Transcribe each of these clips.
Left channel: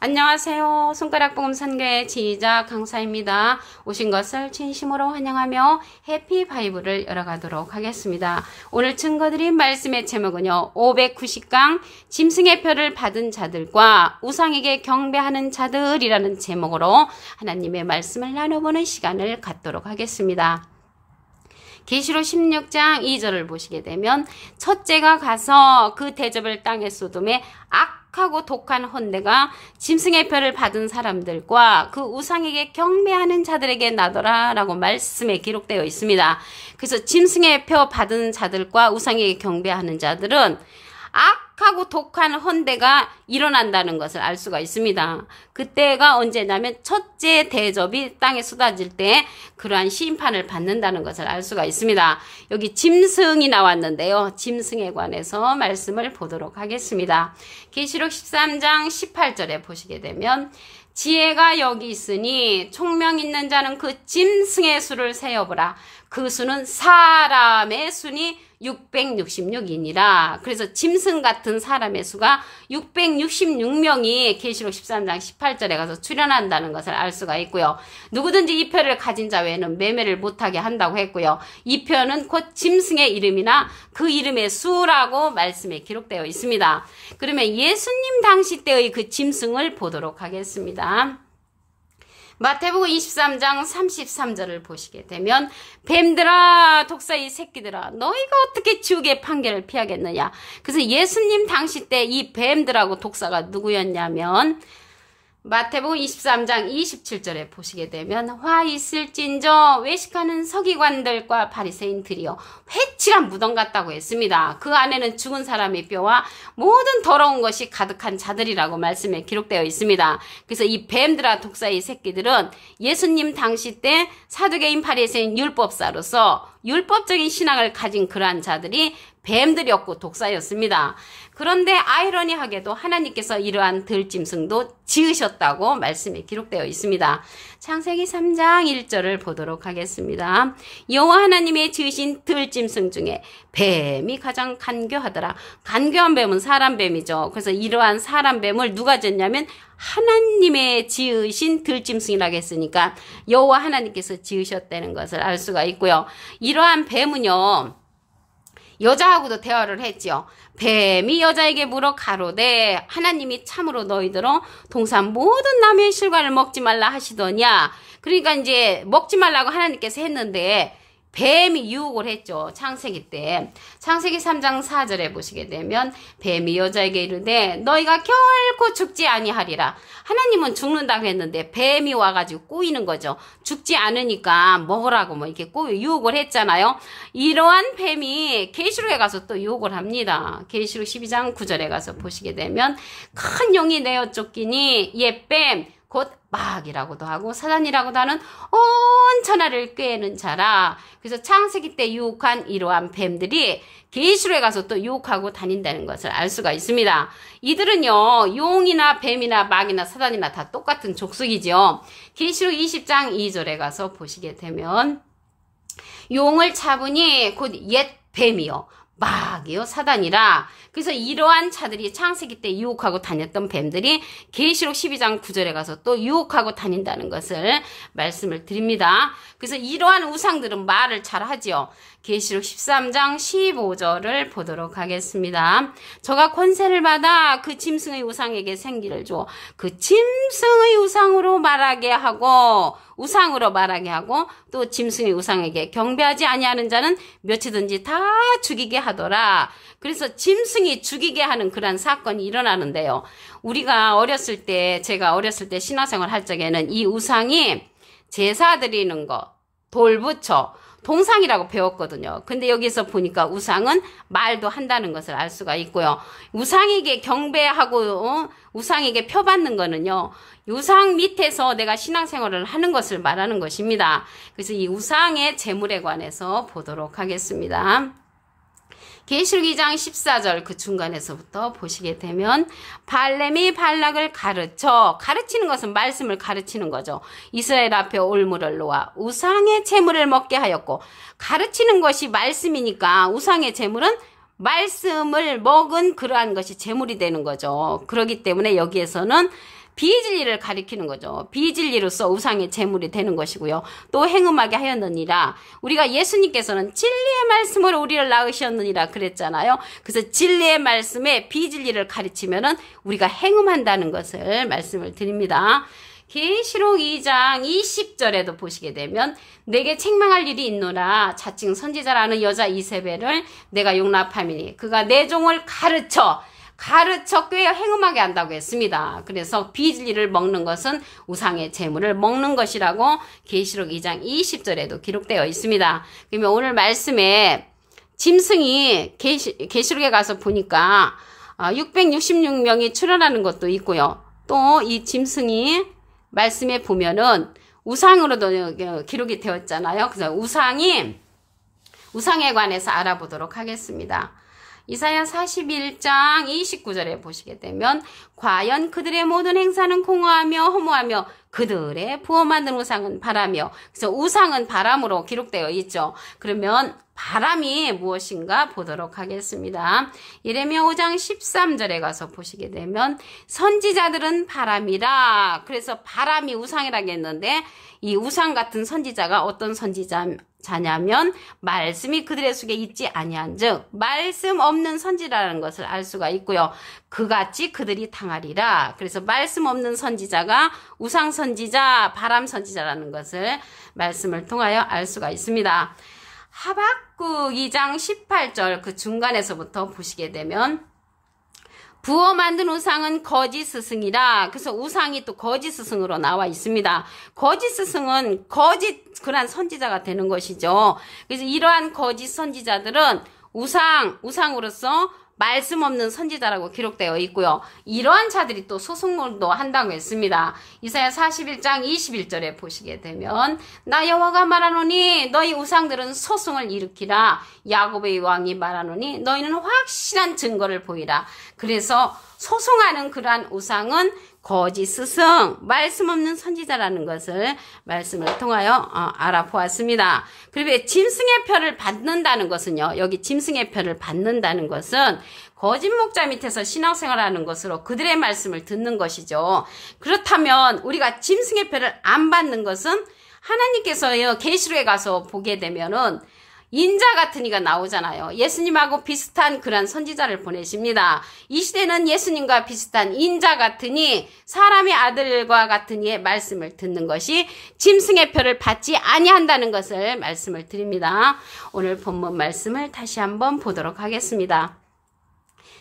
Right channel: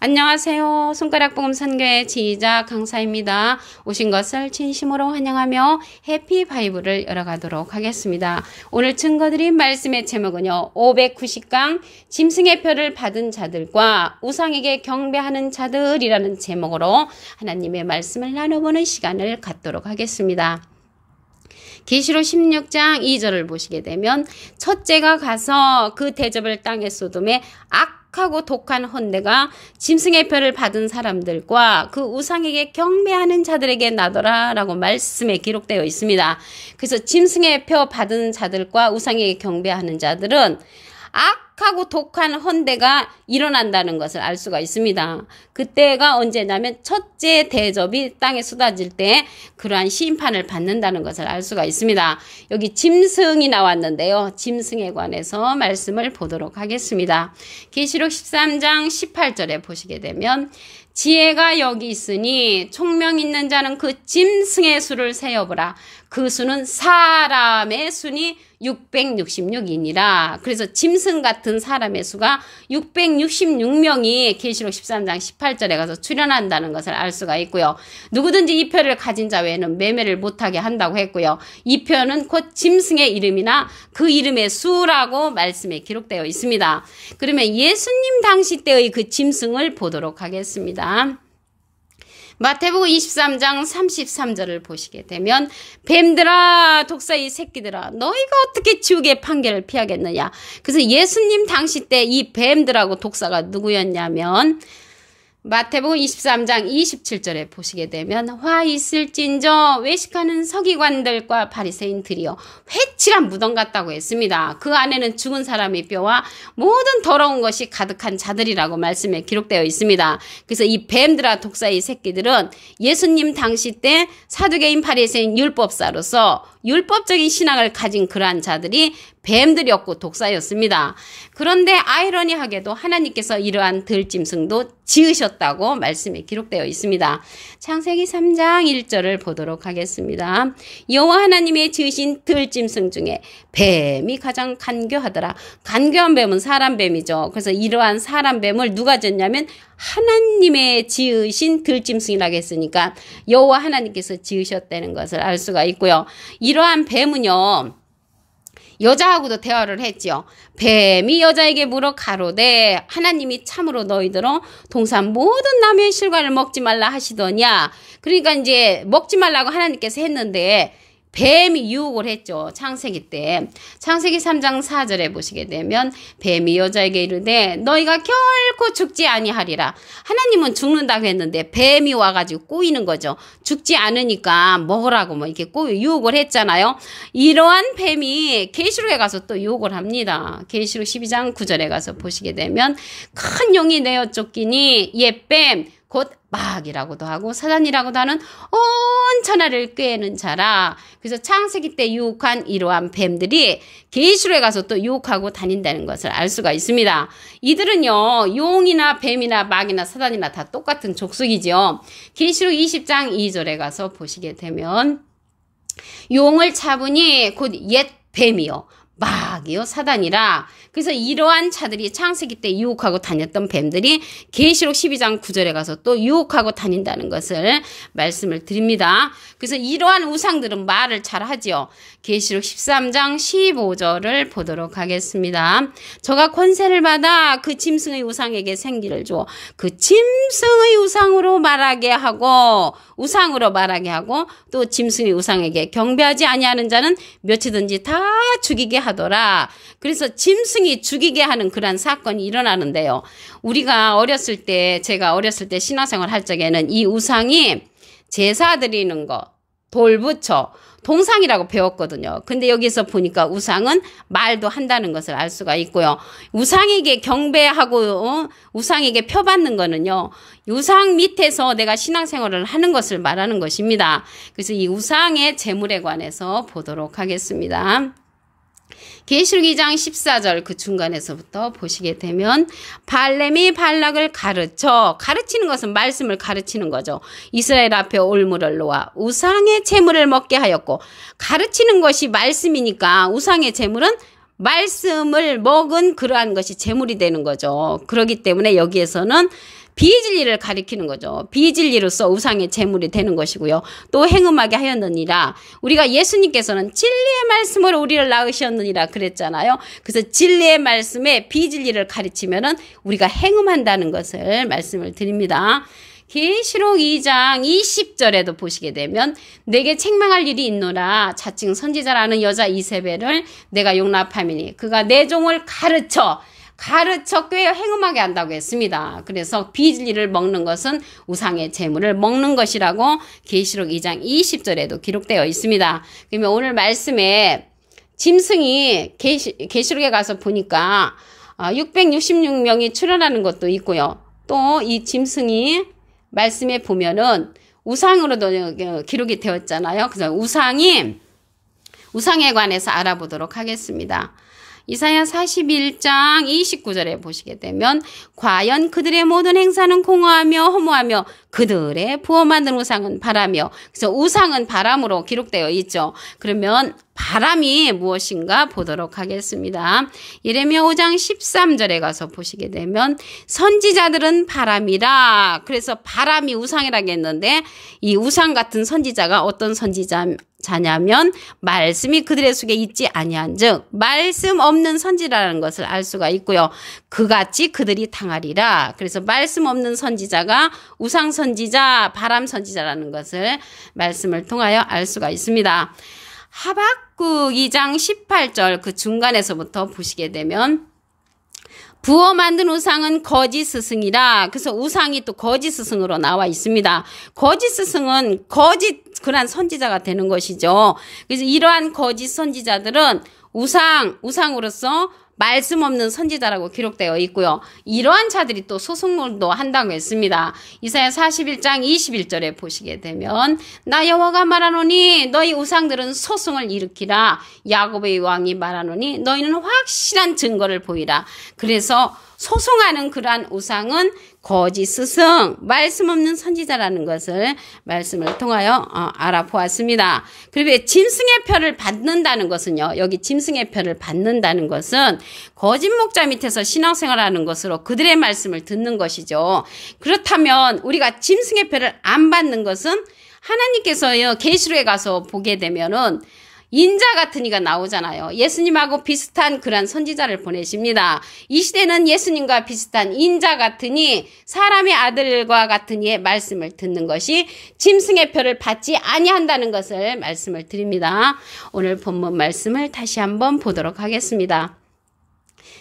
안녕하세요. 손가락복음 선교회 지휘자 강사입니다. 오신 것을 진심으로 환영하며 해피 바이블을 열어가도록 하겠습니다. 오늘 증거드린 말씀의 제목은요. 590강 짐승의 표를 받은 자들과 우상에게 경배하는 자들이라는 제목으로 하나님의 말씀을 나눠보는 시간을 갖도록 하겠습니다. 계시록 16장 2절을 보시게 되면 첫째가 가서 그 대접을 땅에 쏟음에 악하고 독한 헌대가 짐승의 표를 받은 사람들과 그 우상에게 경배하는 자들에게 나더라 라고 말씀에 기록되어 있습니다. 그래서 짐승의 표 받은 자들과 우상에게 경배하는 자들은 악하고 독한 헌대가 일어난다는 것을 알 수가 있습니다. 그때가 언제냐면 첫째 대접이 땅에 쏟아질 때 그러한 심판을 받는다는 것을 알 수가 있습니다. 여기 짐승이 나왔는데요. 짐승에 관해서 말씀을 보도록 하겠습니다. 계시록 13장 18절에 보시게 되면 지혜가 여기 있으니 총명 있는 자는 그 짐승의 수를 세어보라. 그 수는 사람의 수니 666이니라. 그래서 짐승 같은 사람의 수가 666명이 계시록 13장 18절에 가서 출현한다는 것을 알 수가 있고요. 누구든지 이 표를 가진 자 외에는 매매를 못하게 한다고 했고요. 이 표는 곧 짐승의 이름이나 그 이름의 수라고 말씀에 기록되어 있습니다. 그러면 예수님 당시 때의 그 짐승을 보도록 하겠습니다. 마태복음 23장 33절을 보시게 되면 뱀들아 독사의 새끼들아 너희가 어떻게 지옥의 판결을 피하겠느냐. 그래서 예수님 당시 때 이 뱀들하고 독사가 누구였냐면 마태복음 23장 27절에 보시게 되면 화 있을진저 외식하는 서기관들과 바리새인들이여 회칠한 무덤 같다고 했습니다. 그 안에는 죽은 사람의 뼈와 모든 더러운 것이 가득한 자들이라고 말씀에 기록되어 있습니다. 그래서 이 뱀들아 독사의 새끼들은 예수님 당시 때 사두개인 바리새인 율법사로서 율법적인 신앙을 가진 그러한 자들이 뱀들이었고 독사였습니다. 그런데 아이러니하게도 하나님께서 이러한 들짐승도 지으셨다고 말씀에 기록되어 있습니다. 창세기 3장 1절을 보도록 하겠습니다. 여호와 하나님의 지으신 들짐승 중에 뱀이 가장 간교하더라. 간교한 뱀은 사람 뱀이죠. 그래서 이러한 사람 뱀을 누가 지었냐면 하나님의 지으신 들짐승이라고 했으니까 여호와 하나님께서 지으셨다는 것을 알 수가 있고요. 이러한 뱀은요. 여자하고도 대화를 했지요. 뱀이 여자에게 물어 가로되 하나님이 참으로 너희들어 동산 모든 나무의 실과를 먹지 말라 하시더냐. 그러니까 이제 먹지 말라고 하나님께서 했는데 뱀이 유혹을 했죠. 창세기 때. 창세기 3장 4절에 보시게 되면 뱀이 여자에게 이르되 너희가 결코 죽지 아니하리라. 하나님은 죽는다고 했는데 뱀이 와가지고 꼬이는 거죠. 죽지 않으니까 먹으라고 뭐 이렇게 유혹을 했잖아요. 이러한 뱀이 계시록에 가서 또 유혹을 합니다. 계시록 12장 9절에 가서 보시게 되면 큰 용이 내어 쫓기니 옛뱀 곧 마귀라고도 하고 사단이라고도 하는 온 천하를 꾀는 자라. 그래서 창세기 때 유혹한 이러한 뱀들이 계시록에 가서 또 유혹하고 다닌다는 것을 알 수가 있습니다. 이들은요 용이나 뱀이나 마귀나 사단이나 다 똑같은 족속이죠. 계시록 20장 2절에 가서 보시게 되면 용을 잡으니 곧 옛 뱀이요 마귀요 사단이라. 그래서 이러한 자들이 창세기 때 유혹하고 다녔던 뱀들이 계시록 12장 9절에 가서 또 유혹하고 다닌다는 것을 말씀을 드립니다. 그래서 이러한 우상들은 말을 잘 하지요. 계시록 13장 15절을 보도록 하겠습니다. 저가 권세를 받아 그 짐승의 우상에게 생기를 줘 그 짐승의 우상으로 말하게 하고 우상으로 말하게 하고 또 짐승의 우상에게 경배하지 아니하는 자는 몇이든지 다 죽이게 하더라. 그래서 짐승이 죽이게 하는 그런 사건이 일어나는데요. 우리가 어렸을 때 제가 어렸을 때 신화생활 할 적에는 이 우상이 제사 드리는 거 돌부처 동상이라고 배웠거든요. 근데 여기서 보니까 우상은 말도 한다는 것을 알 수가 있고요. 우상에게 경배하고 우상에게 표받는 거는요. 우상 밑에서 내가 신앙생활을 하는 것을 말하는 것입니다. 그래서 이 우상의 재물에 관해서 보도록 하겠습니다. 계시록 2장 14절 그 중간에서부터 보시게 되면 발렘이 발락을 가르치는 것은 말씀을 가르치는 거죠. 이스라엘 앞에 올무를 놓아 우상의 재물을 먹게 하였고 가르치는 것이 말씀이니까 우상의 재물은 말씀을 먹은 그러한 것이 재물이 되는 거죠. 그렇기 때문에 여기에서는 비진리를 가리키는 거죠. 비진리로서 우상의 제물이 되는 것이고요. 또 행음하게 하였느니라. 우리가 예수님께서는 진리의 말씀으로 우리를 낳으셨느니라 그랬잖아요. 그래서 진리의 말씀에 비진리를 가르치면은 우리가 행음한다는 것을 말씀을 드립니다. 계시록 2장 20절에도 보시게 되면 내게 책망할 일이 있노라. 자칭 선지자라는 여자 이세벨을 내가 용납함이니 그가 내 종을 가르쳐 꽤 행음하게 한다고 했습니다. 그래서 비진리를 먹는 것은 우상의 제물을 먹는 것이라고 계시록 2장 20절에도 기록되어 있습니다. 그러면 오늘 말씀에 짐승이 계시록에 가서 보니까 666명이 출현하는 것도 있고요. 또 이 짐승이 말씀에 보면은 우상으로도 기록이 되었잖아요. 그래서 우상에 관해서 알아보도록 하겠습니다. 이사야 41장 29절에 보시게 되면 과연 그들의 모든 행사는 공허하며 허무하며 그들의 부어 만든 우상은 바라며, 그래서 우상은 바람으로 기록되어 있죠. 그러면 바람이 무엇인가 보도록 하겠습니다. 예레미야 5장 13절에 가서 보시게 되면 선지자들은 바람이라. 그래서 바람이 우상이라겠는데 이 우상 같은 선지자가 어떤 선지자냐면 말씀이 그들의 속에 있지 아니한즉 말씀 없는 선지라는 것을 알 수가 있고요. 그같이 그들이 당하리라. 그래서 말씀 없는 선지자가 우상 선지자, 바람 선지자라는 것을 말씀을 통하여 알 수가 있습니다. 하박국 2장 18절 그 중간에서부터 보시게 되면 부어 만든 우상은 거짓 스승이라. 그래서 우상이 또 거짓 스승으로 나와 있습니다. 거짓 스승은 거짓 그런 선지자가 되는 것이죠. 그래서 이러한 거짓 선지자들은 우상으로서 말씀 없는 선지자라고 기록되어 있고요. 이러한 자들이 또 소송도 한다고 했습니다. 이사야 41장 21절에 보시게 되면 나 여호와가 말하노니 너희 우상들은 소송을 일으키라. 야곱의 왕이 말하노니 너희는 확실한 증거를 보이라. 그래서 소송하는 그러한 우상은 거짓 스승, 말씀 없는 선지자라는 것을 말씀을 통하여 알아보았습니다. 그리고 짐승의 표를 받는다는 것은요. 여기 짐승의 표를 받는다는 것은 거짓 목자 밑에서 신앙생활하는 것으로 그들의 말씀을 듣는 것이죠. 그렇다면 우리가 짐승의 표를 안 받는 것은 하나님께서요. 계시록에 가서 보게 되면은 인자 같은 이가 나오잖아요. 예수님하고 비슷한 그런 선지자를 보내십니다. 이 시대는 예수님과 비슷한 인자 같은 이, 사람의 아들과 같은 이의 말씀을 듣는 것이 짐승의 표를 받지 아니한다는 것을 말씀을 드립니다. 오늘 본문 말씀을 다시 한번 보도록 하겠습니다.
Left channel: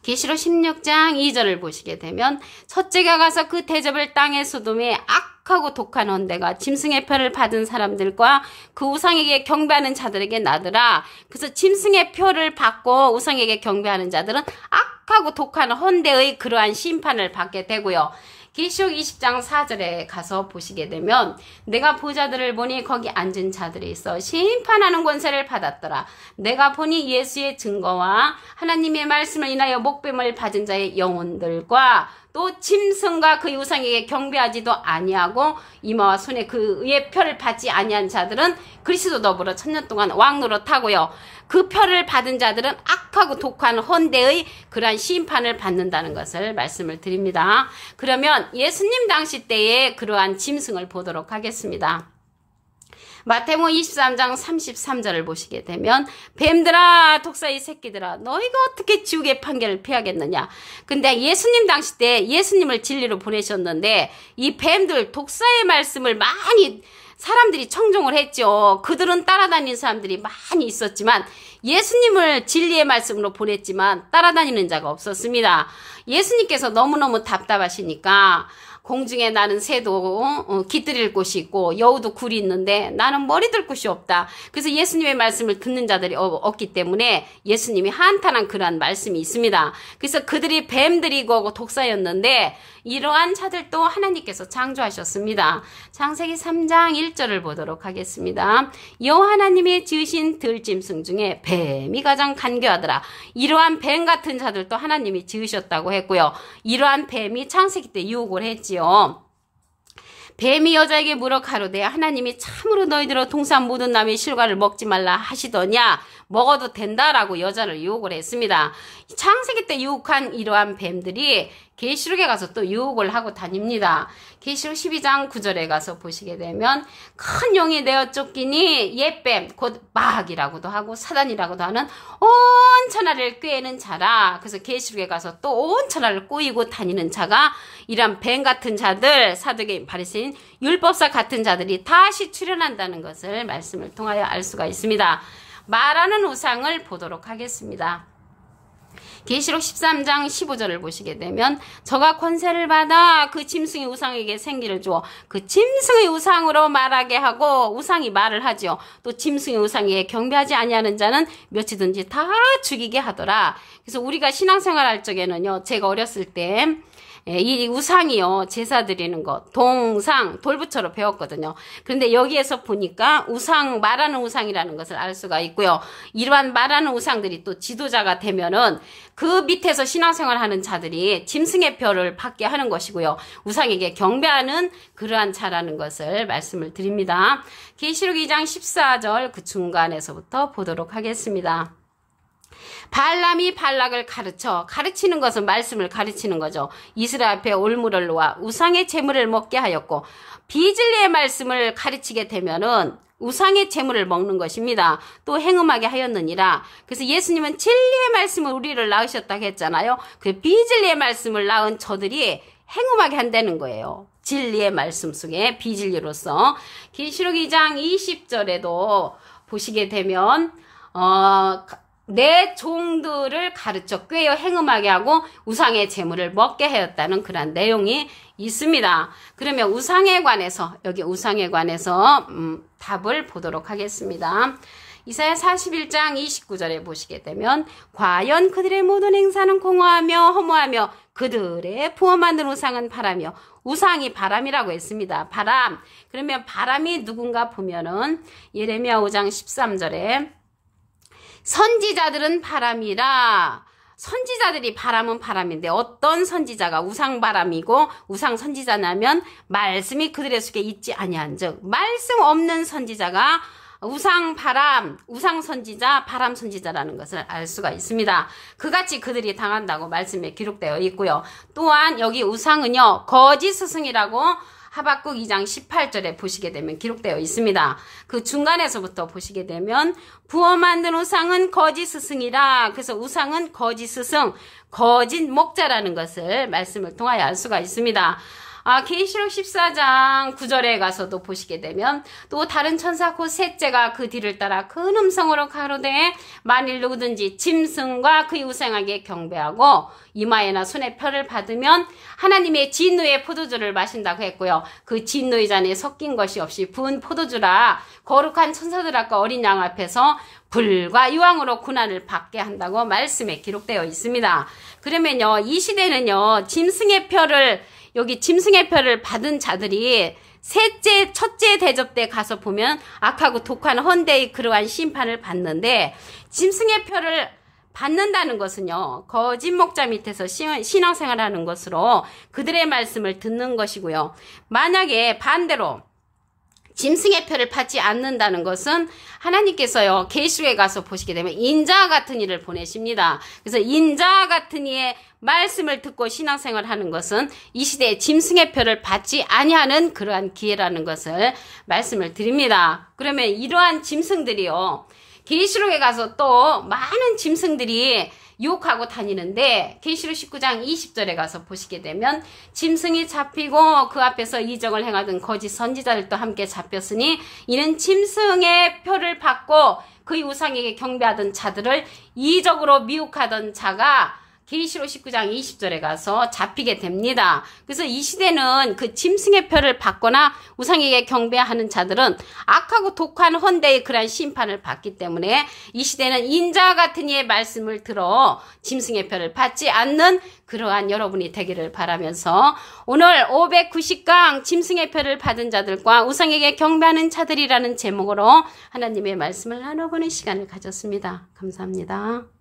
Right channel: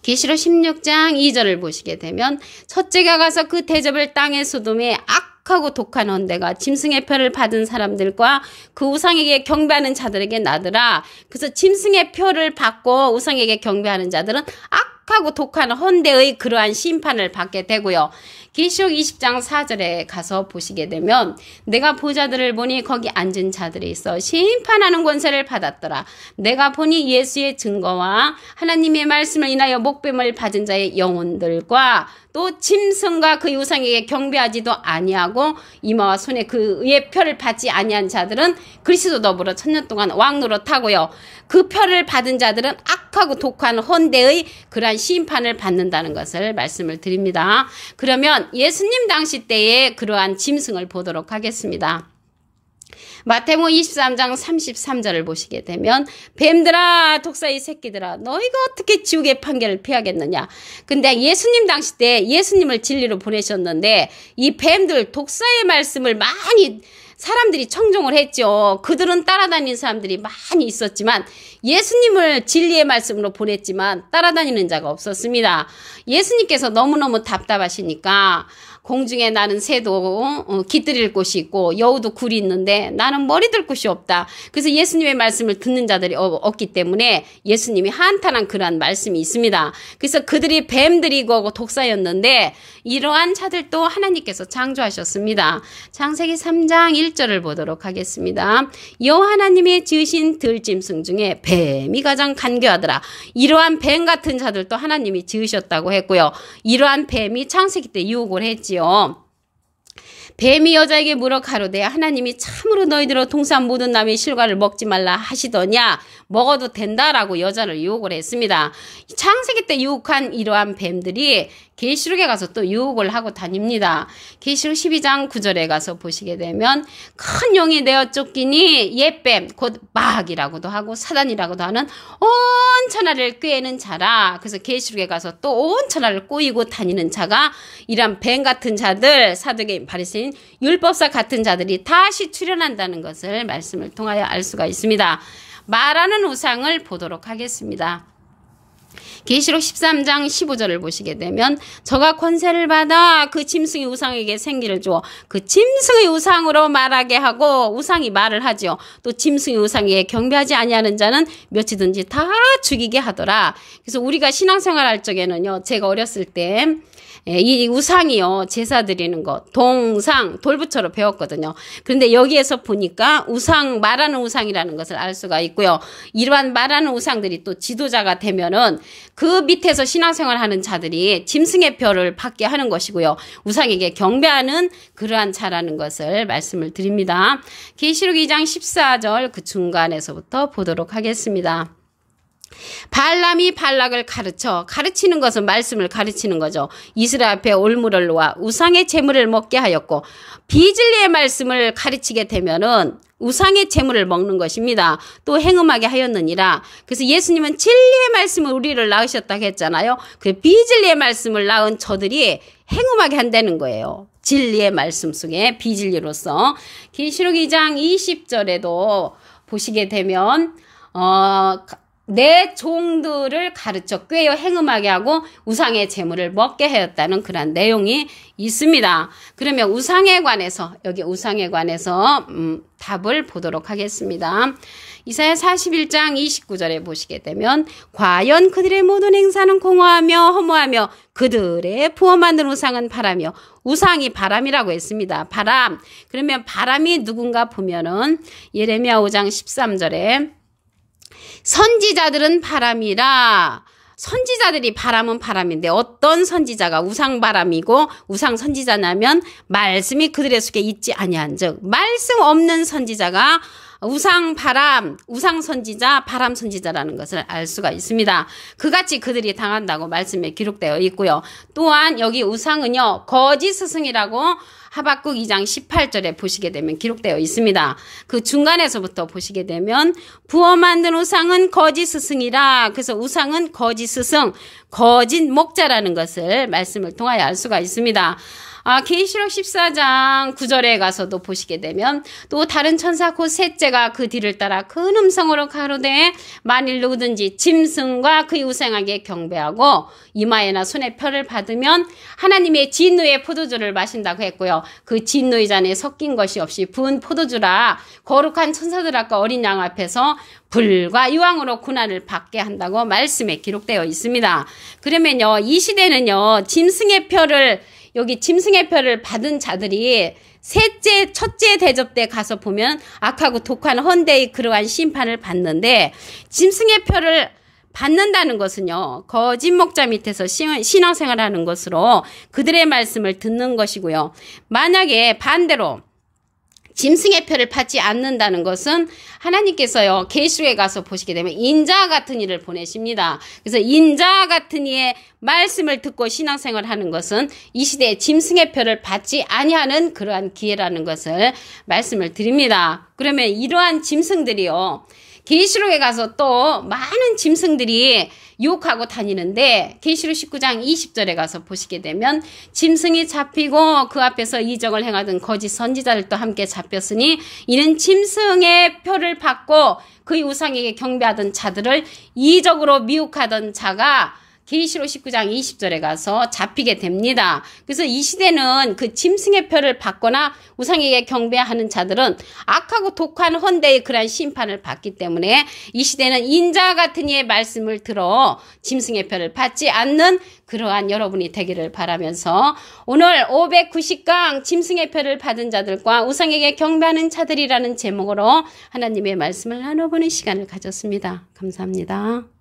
계시록 16장 2절을 보시게 되면 첫째가 가서 그 대접을 땅의 소돔에 악하고 독한 헌대가 짐승의 표를 받은 사람들과 그 우상에게 경배하는 자들에게 나더라. 그래서 짐승의 표를 받고 우상에게 경배하는 자들은 악하고 독한 헌대의 그러한 심판을 받게 되고요. 계시록 20장 4절에 가서 보시게 되면 내가 보자들을 보니 거기 앉은 자들이 있어 심판하는 권세를 받았더라. 내가 보니 예수의 증거와 하나님의 말씀을 인하여 목뱀을 받은 자의 영혼들과 또 짐승과 그 우상에게 경배하지도 아니하고 이마와 손에 그의 표를 받지 아니한 자들은 그리스도 더불어 천년 동안 왕노릇하고요. 그 표를 받은 자들은 악하고 독한 헌대의 그러한 심판을 받는다는 것을 말씀을 드립니다. 그러면 예수님 당시 때의 그러한 짐승을 보도록 하겠습니다. 마태복음 23장 33절을 보시게 되면 뱀들아 독사의 새끼들아 너희가 어떻게 지옥의 판결을 피하겠느냐. 근데 예수님 당시 때 예수님을 진리로 보내셨는데 이 뱀들 독사의 말씀을 많이 사람들이 청종을 했죠. 그들은 따라다니는 사람들이 많이 있었지만 예수님을 진리의 말씀으로 보냈지만 따라다니는 자가 없었습니다. 예수님께서 너무너무 답답하시니까 공중에 나는 새도 깃들일 곳이 있고 여우도 굴이 있는데 나는 머리 들 곳이 없다. 그래서 예수님의 말씀을 듣는 자들이 없기 때문에 예수님이 한탄한 그러한 말씀이 있습니다. 그래서 그들이 뱀들이고 독사였는데 이러한 자들도 하나님께서 창조하셨습니다. 창세기 3장 1절을 보도록 하겠습니다. 여호와 하나님이 지으신 들짐승 중에 뱀이 가장 간교하더라. 이러한 뱀 같은 자들도 하나님이 지으셨다고 했고요. 이러한 뱀이 창세기 때 유혹을 했지요. 뱀이 여자에게 물어 가로되 하나님이 참으로 너희들로 동산 모든 나무의 실과를 먹지 말라 하시더냐. 먹어도 된다라고 여자를 유혹을 했습니다. 창세기 때 유혹한 이러한 뱀들이 계시록에 가서 또 유혹을 하고 다닙니다. 계시록 12장 9절에 가서 보시게 되면 큰 용이 내어 쫓기니 옛뱀 곧 마귀라고도 하고 사단이라고도 하는 온 천하를 꾀는 자라. 그래서 계시록에 가서 또 온 천하를 꼬이고 다니는 자가 이런 뱀 같은 자들, 사두개인, 바리새인, 율법사 같은 자들이 다시 출현한다는 것을 말씀을 통하여 알 수가 있습니다. 말하는 우상을 보도록 하겠습니다. 계시록 13장 15절을 보시게 되면 저가 권세를 받아 그 짐승의 우상에게 생기를 주어 그 짐승의 우상으로 말하게 하고 우상이 말을 하죠. 또 짐승의 우상에게 경배하지 아니하는 자는 몇이든지 다 죽이게 하더라. 그래서 우리가 신앙생활 할 적에는요. 제가 어렸을 때 이 우상이요. 제사 드리는 거 동상 돌부처로 배웠거든요. 그런데 여기에서 보니까 우상 말하는 우상이라는 것을 알 수가 있고요. 이러한 말하는 우상들이 또 지도자가 되면은 그 밑에서 신앙생활 하는 자들이 짐승의 표를 받게 하는 것이고요. 우상에게 경배하는 그러한 자라는 것을 말씀을 드립니다. 계시록 2장 14절 그 중간에서부터 보도록 하겠습니다. 발람이 발락을 가르치는 것은 말씀을 가르치는 거죠. 이스라엘 앞에 올무를 놓아 우상의 제물을 먹게 하였고 비진리의 말씀을 가르치게 되면은 우상의 제물을 먹는 것입니다. 또 행음하게 하였느니라. 그래서 예수님은 진리의 말씀을 우리를 낳으셨다고 했잖아요. 그 비진리의 말씀을 낳은 저들이 행음하게 한다는 거예요. 진리의 말씀 속에 비진리로서 계시록 2장 20절에도 보시게 되면 내 종들을 가르쳐 꾀어 행음하게 하고 우상의 제물을 먹게 하였다는 그런 내용이 있습니다. 그러면 우상에 관해서 여기 우상에 관해서 답을 보도록 하겠습니다. 이사야 41장 29절에 보시게 되면 과연 그들의 모든 행사는 공허하며 허무하며 그들의 부어 만든 우상은 바라며 우상이 바람이라고 했습니다. 바람. 그러면 바람이 누군가 보면은 예레미야 5장 13절에 선지자들은 바람이라. 선지자들이 바람은 바람인데 어떤 선지자가 우상바람이고 우상선지자냐면 말씀이 그들의 속에 있지 아니한즉 말씀 없는 선지자가 우상바람, 우상선지자, 바람선지자라는 것을 알 수가 있습니다. 그같이 그들이 당한다고 말씀에 기록되어 있고요. 또한 여기 우상은요 거짓 스승이라고 하박국 2장 18절에 보시게 되면 기록되어 있습니다. 그 중간에서부터 보시게 되면 부어 만든 우상은 거짓 스승이라. 그래서 우상은 거짓 스승, 거짓 목자라는 것을 말씀을 통하여 알 수가 있습니다. 계시록 14장 9절에 가서도 보시게 되면 또 다른 천사 곧 셋째가 그 뒤를 따라 큰 음성으로 가로되 만일 누구든지 짐승과 그의 우상에게 경배하고 이마에나 손에 표를 받으면 하나님의 진노의 포도주를 마신다고 했고요. 그 진노의 잔에 섞인 것이 없이 부은 포도주라 거룩한 천사들 앞과 어린 양 앞에서 불과 유황으로 고난을 받게 한다고 말씀에 기록되어 있습니다. 그러면요 이 시대는요 짐승의 표를 여기 짐승의 표를 받은 자들이 첫째 대접 때 가서 보면 악하고 독한 헌데의 그러한 심판을 받는데 짐승의 표를 받는다는 것은요. 거짓 목자 밑에서 신앙생활하는 것으로 그들의 말씀을 듣는 것이고요. 만약에 반대로 짐승의 표를 받지 않는다는 것은 하나님께서요. 계시록에 가서 보시게 되면 인자 같은 이를 보내십니다. 그래서 인자 같은 이의 말씀을 듣고 신앙생활하는 것은 이 시대에 짐승의 표를 받지 아니하는 그러한 기회라는 것을 말씀을 드립니다. 그러면 이러한 짐승들이요. 계시록에 가서 또 많은 짐승들이 유혹하고 다니는데 계시록 19장 20절에 가서 보시게 되면 짐승이 잡히고 그 앞에서 이적을 행하던 거짓 선지자들도 함께 잡혔으니 이는 짐승의 표를 받고 그의 우상에게 경배하던 자들을 이적으로 미혹하던 자가 계시록 19장 20절에 가서 잡히게 됩니다. 그래서 이 시대는 그 짐승의 표를 받거나 우상에게 경배하는 자들은 악하고 독한 헌데의 그러한 심판을 받기 때문에 이 시대는 인자 같은 이의 말씀을 들어 짐승의 표를 받지 않는 그러한 여러분이 되기를 바라면서 오늘 590강 짐승의 표를 받은 자들과 우상에게 경배하는 자들이라는 제목으로 하나님의 말씀을 나눠보는 시간을 가졌습니다. 감사합니다.